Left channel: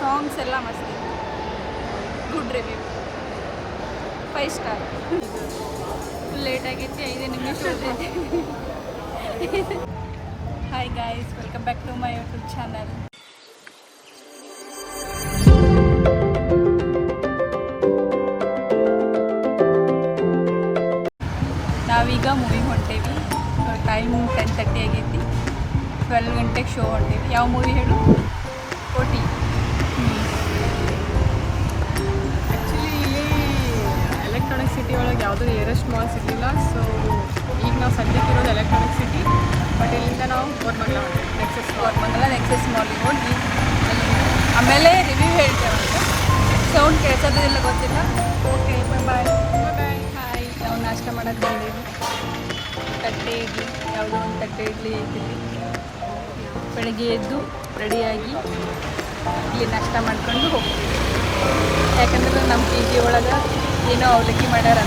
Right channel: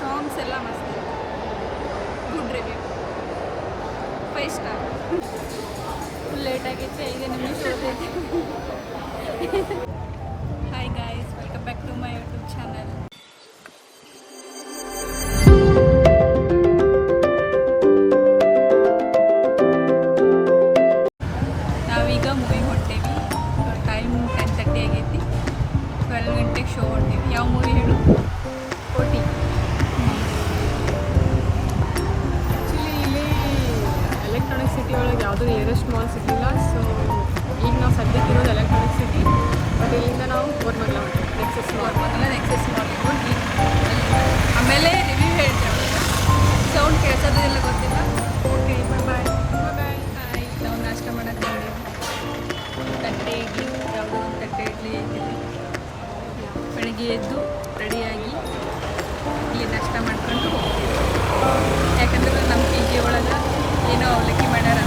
Songs ಎಲ್ಲ ಮಸ್ತ್ ಇದೆ. Good review 5 star. Full late ಆಗೈತಿ, 5 ನಿಮಿಷ ಉಳಿದೈತಿ. Hi guys, welcome back to my YouTube channel. ನಾವೀಗ ಮೂವಿಗೆ ಹೊಂಟೇವಿ. ಟೈಮ್ 10:30 ಆಗೈತಿ. 12 ಗಂಟೆಗೆ ಶೋ ಹೊಂಟೇವಿ. ಯಾವ ಮೂವಿ ಹೇಳು? ಕೋಟಿ. ಆ್ಯಕ್ಚುಲಿ ಇಲ್ಲಿ ಎಲೆಕ್ಟ್ರಾನಿಕ್ ಸಿಟಿ ಒಳಗೆ ಯಾವುದೂ ನಿಯರೆಸ್ಟ್ ಮಾಲ್ ಸಿಗಲಿಲ್ಲ. ಸೊ ಈಗ ನಾವು ಸದ್ಯಕ್ಕೆ ಇರೋದು ಎಲೆಕ್ಟ್ರಾನಿಕ್ ಸಿಟಿ. ಬಟ್ ಇಲ್ಲಿಂದ ನಾವು ಕೋರಮಂಗಲ ಹೊಂಟೇವಿ. ನೆಕ್ಸಸ್ ಮಾಲಿಗೆ ಹೋಗಿ ಅಲ್ಲಿ ಆಮೇಲೆ ರಿವ್ಯೂ ಹೇಳ್ತೇವಂತ. ಸೌಂಡ್ ಕೇಳಿಸೋದಿಲ್ಲ, ಗೊತ್ತಿಲ್ಲ. ಓಕೆ, ಬಾಯ್ ಬಾಯ್. ಹಾಯ್, ನಾವು ನಾಷ್ಟ ಮಾಡೋಕ್ಕೆ ಬಂದೇವಿ. ತಟ್ಟೆ ಇಡ್ಲಿ, ಯಾವುದೋ ಒಂದು ತಟ್ಟೆ ಇಡ್ಲಿ ಐತಿಲ್ಲಿ. ಬೆಳಗ್ಗೆ ಎದ್ದು ರೆಡಿಯಾಗಿ ಇಲ್ಲಿ ನಾಷ್ಟ ಮಾಡ್ಕೊಂಡು ಹೋಗ್ತೀವಿ. ಯಾಕಂದ್ರೆ ನಮ್ಮ ಪಿ ಜಿ ಒಳಗೆ ಏನೋ ಅವಲಕ್ಕಿ ಮಾಡ್ಯಾರ.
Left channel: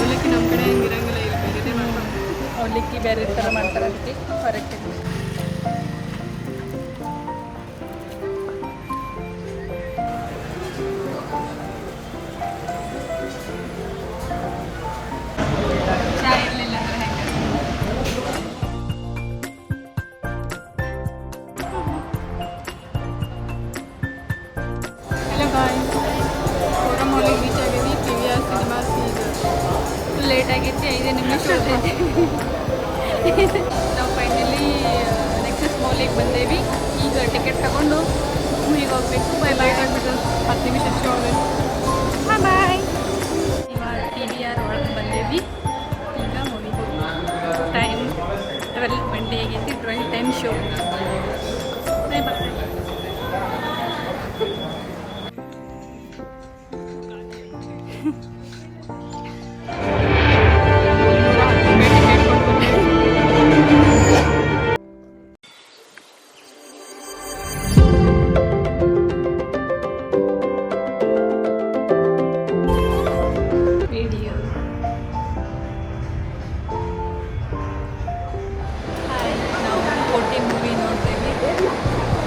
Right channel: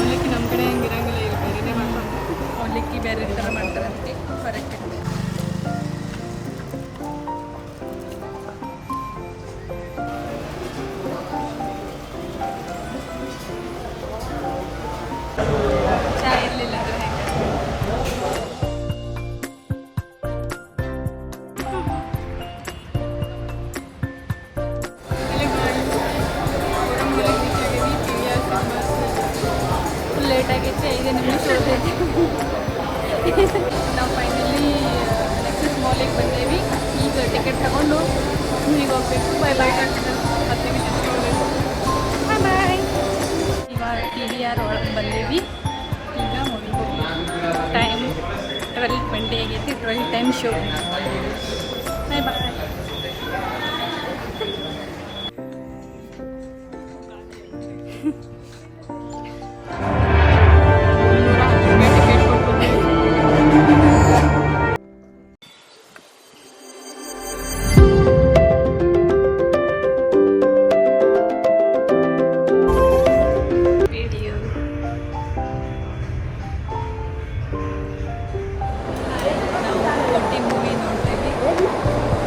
ಅವಲಕ್ಕಿ ನಮ್ಮ ಕಡೆ ಹಂಗಿರಂಗಿಲ್ಲ, ಇಲ್ಲ ಬೇರೆನೇ ಮಾಡ್ತಾರೆ. ಅವಲಕ್ಕಿ ಬೇರೆ ಥರ ಮಾಡ್ತಾರೆ, ಅದಕ್ಕೆ ಹೊರಗೆ ತಿನ್ಬೇಕು. ಚಾ ಇರಲಿಲ್ಲ ಅಂದರೆ ಹೆಂಗೆ? ಫುಲ್ ಲೇಟ್ ಆಗೈತಿ, 5 ನಿಮಿಷ ಉಳಿದೈತಿ. ನಾವು ಫೈನಲಿ ನೆಕ್ಸಸ್ ಮಾಲಿಗೆ ಬಂದೇವಿ. ಈಗ ಟಿಕೆಟ್ ತಗೊಂಡು ಮೂವಿಗೆ ಹೋಗ್ಬೇಕು. ಬಾಯ್ ಬಾಯ್. 10 ನಿಮಿಷ ಬಾಯ್ ಬಾಯ್. ಇವಾಗ TVR ಒಳಗೆ ಬಂದೇವಿ. ಈಗ ಮೂವಿಗೆ ಹೋಗಿ ಟೈಮ್ 12:20 ಆಗೈತಿ. 12:10 ಶೋ. ಬಾಯ್ ಬಾಯ್. ಮೂವಿ ನೋಡ್ತೇವೆ.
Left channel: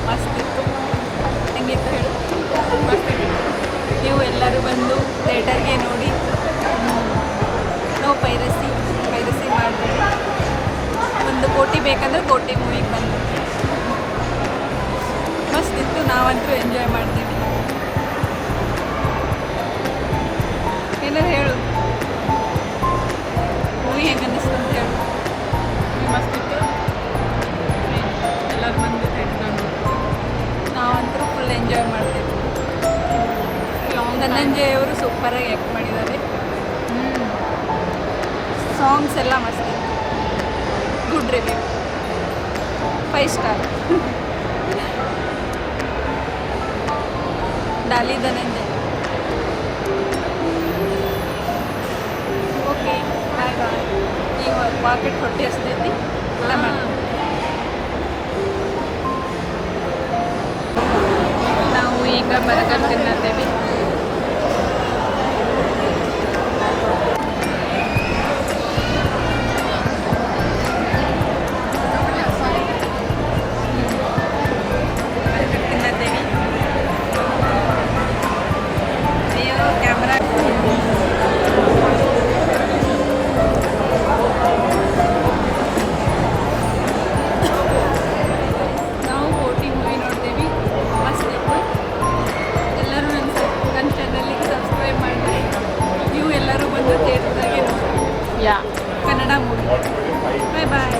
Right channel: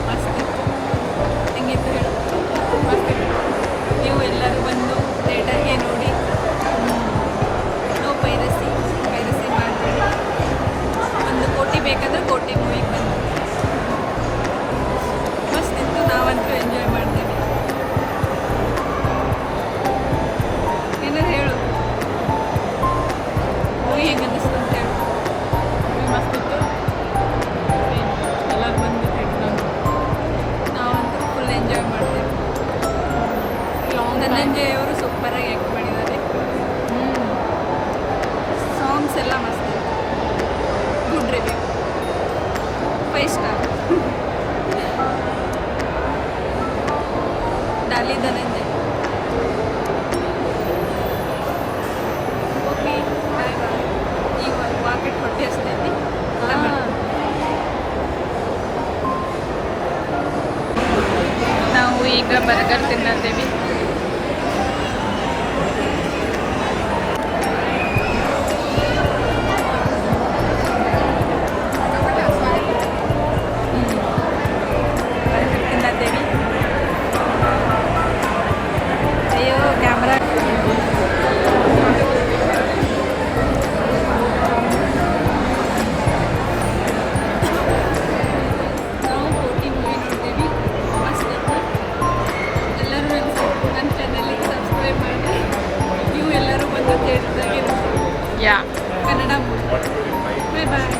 ಮಸ್ತಿತ್ತು. ಹೆಂಗಿತ್ತು ಹೇಳು? ಮಸ್ತಿತ್ತು. ನೀವು ಎಲ್ಲರೂ ಬಂದು ಥಿಯೇಟರ್ಗೆ ನೋಡಿ. ನೋ ಪೈರಸಿ ಮಾಡಬೇಡಿ. ಒಂದು ಕೋಟಿ ಬೇಕಂದ್ರೆ ಕೋಟಿ ಮೂವಿಗೆ ಬಂದು ಮಸ್ತಿತ್ತು. ನಾವಂತೂ ಎಂಜಾಯ್ ಮಾಡ್ತೀವಿ. ಏನಾದ್ರು ಹೇಳು, ಮೂವಿ ಹೆಂಗೆ ಅನ್ನಿಸ್ತು ಅಂತ ಹೇಳು. ಮಸ್ತಿತ್ತು. ಎಲ್ಲರೂ ಬಂದು ನಾವಂತೂ ಫುಲ್ ಎಂಜಾಯ್ ಮಾಡ್ತೇವೆ. ಧನಂಜಯ್ ಅವರು ಸೂಪರಾಗಿ ಆ್ಯಕ್ಟ್ ಮಾಡಿದ್ದಾರೆ. ಸಾಂಗ್ಸ್ ಎಲ್ಲ ಮಸ್ತ್ ಇದೆ. Good review 5 star. Dolly Dhananjay. Okay, bye bye. ಈಗ ವಾಕೆಟ್ ಹೊಟ್ಟೆ ಹಸ್ತೈತಿ. ನಾವು ಈಗ ಬರ್ಗರ್ ತಿನ್ನತ್ತೇವೆ. ಅಯ್ಯೋ ಕ್ಯಾಮ್ರಾ. ನಾವು ಕೋಟಿ ಮೂವಿ ನೋಡ್ತೀವಿ. ಮಸ್ತ್ ಇತ್ತು. ಎಲ್ಲರೂ ನನ್ನ ಚಾನಲಿಗೆ ಸಬ್ಸ್ಕ್ರೈಬ್ ಮಾಡಿರಿ. ನೀವು ಎಲ್ಲರೂ ಬಂದು ಥಿಯೇಟರ್ದಾಗೆ ನೋಡಿ. ಯಾ ಕನ್ನಡ ಮೂವಿ. ಬಾಯ್ ಬಾಯ್.